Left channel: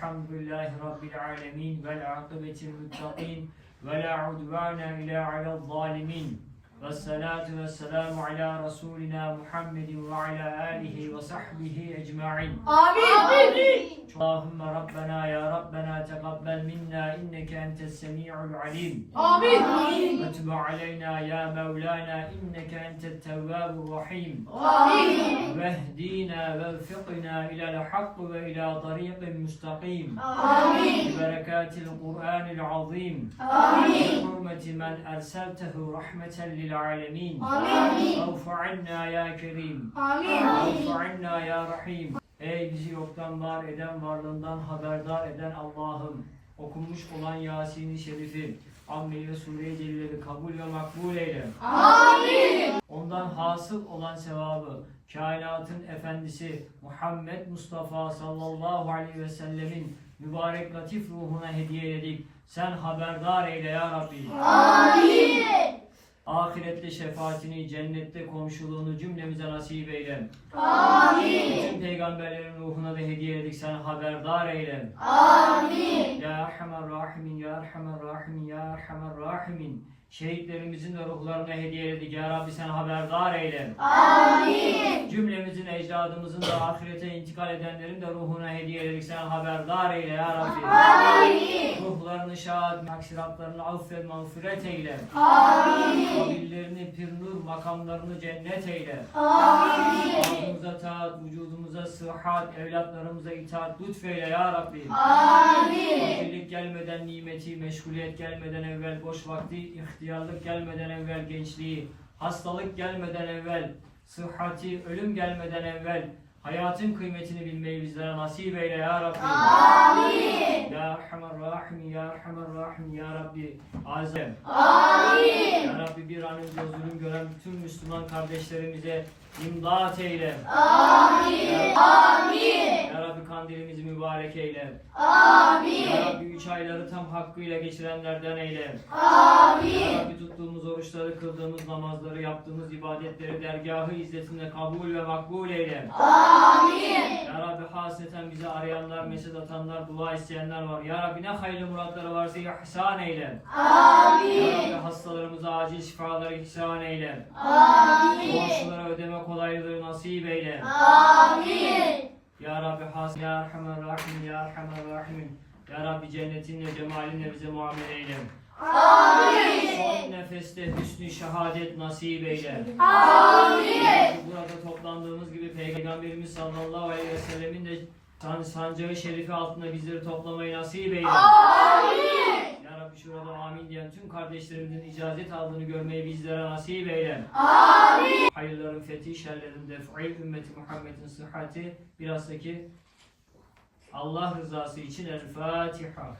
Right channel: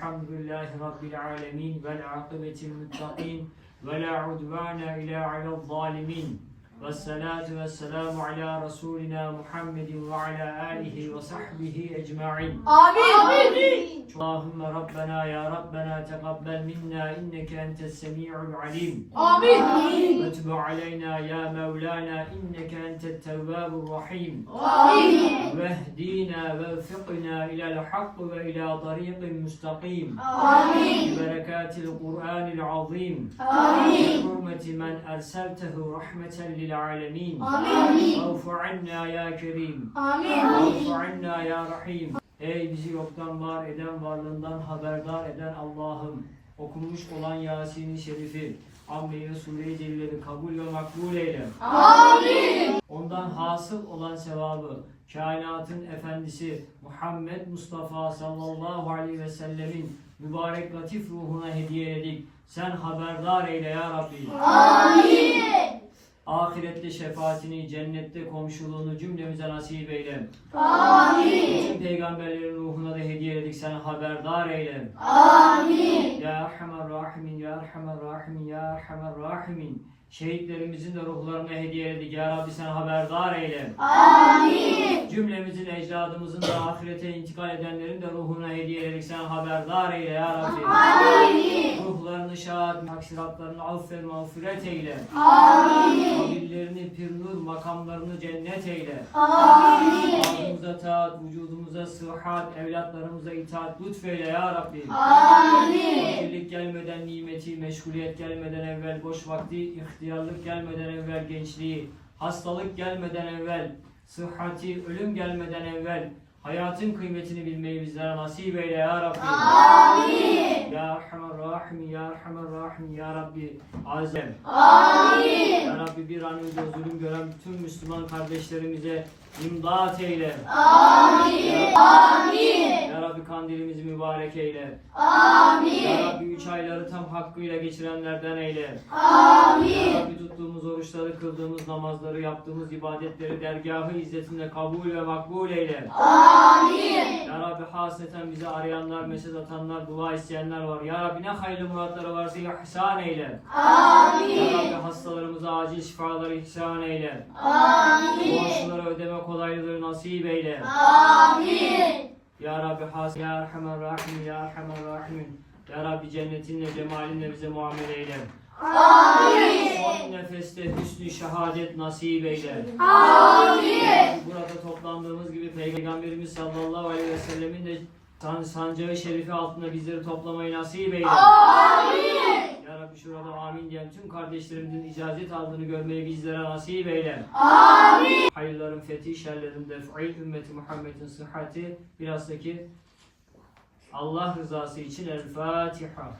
Velhamdülillahi Rabbil alemin. Vel akibetil muttaqin. Ve la udvana ila alel zalimin. Ve salatu ve selamu ala Resulina Muhammedin ve ala alihi ve sahbihi ecma'in. Amin. Allahümme اللهم ربنا يا ربنا تقبل منا إنك أنت السميع العليم. آمين. وتب علينا يا مولانا إنك أنت التواب الرحيم. آمين. واهدينا ووفقنا إلى الحق وإلى طريق مستقيم. آمين. ببركات القرآن العظيم. آمين. بحرمة من أرسلته رحمة للعالمين. آمين. وارفع عنا يا كريم. آمين. وارفع عنا يا رحيم. Ey bizi yoktan var eden, varlığından haberdar eden Allah'ım okunmuş olan Yasin-i Şerif'i, Amme-i Sure-i Celil'i kabul ve makbul eyle. Amin. Ondan hasıl olan sevabı kainatın efendisi Muhammed Mustafa sallallahu aleyhi ve sellemin mübarek latif ruhuna hediye edik. Sen haberdar eyle ya Rabbi. Amin. Ahirette şefaatini, cennette komşuluğunu cümlemize nasip eyle. Amin. Bütün peygamberlerin ruhuna da hediye edik. Sen haberdar eyle. Amin. Ya Erhamer Rahimin, Ya Erhamer Rahimin, Ya Erhamer Rahimin. Şehitlerimizin de ruhlarına hediye edik. Ya Rabbi sen haberdar eyle. Amin. Cümlemizin, ecdadımızın da ahirete intikal edenlerin de ruhuna hediye edik. Sen haberdar eyle ya Rabbi. Amin. Maksiratlarını affet, mağfiret eyle. Amin. Kabirlerini pir nur, makamlarını cennet eyle. Amin. Ağzımıza taat, vücudumuza sıhhat, evlatlarımıza itaat lütfeyle ya Rabbi. Amin. Birlik gelmeden nimeti, meşguliyet gelmeden evvel boş vakti, ihtiyarlık gelmeden evvel gençliği, hastalık gelmeden evvel sıhhati, ölüm gelmeden evvel hayatın kıymetini bilmeyi bizlere nasip eyle ya Rabbi. Amin. Ya Rahim, Ya Erhamer Rahim, Ya Rabbi Azem. Amin. Ya Rabbi bir an önce zulüm gören bütün Müslüman kardeşlerimize imdat eyle. Amin. Amin. Ya Rabbi kandilimizi mübarek eyle. Ya Amin. Rabbi üç ayları tam hakkıyla geçirenlerden eyle. Ya Amin. Rabbi tuttuğumuz oruçları, kıldığımız namazları, yaptığımız ibadetleri dergahı izzetinde kabul ve makbul eyle. Amin. Ya Rabbi hasreten bizi arayanlar, mesaj atanlar, dua isteyenler var. Ya Rabbi ne hayırlı muratları varsa ihsan eyle. Amin. hastalarımıza acil şifaları ihsan eyle. Amin. Borçlulara ödeme kolaylığı nasip eyle. Amin. Ya Rabbi has Ya Erhamer Rahim Ya Erhamer Rahim Ya Rabbi cennetinle cemalinle bize muamele eyle. Amin. Son nefeste hüsnü şehadet nasip eyle. Amin. Burada toplandığımız gibi Peygamberimiz sallallahu aleyhi ve sellemin de san- sancağı şerifi altında bizleri toplamayı nasip eyle. Amin. Ya Rabbi şurada amin diyen tüm kardeşlerimizin icazet aldığını görmeyi bizlere nasip eyle. Amin. Hayırların fethi, şerlerin def'i, ümmeti Muhammed'in sıhhati, bilhassa ki Allah rızası için El Fatiha.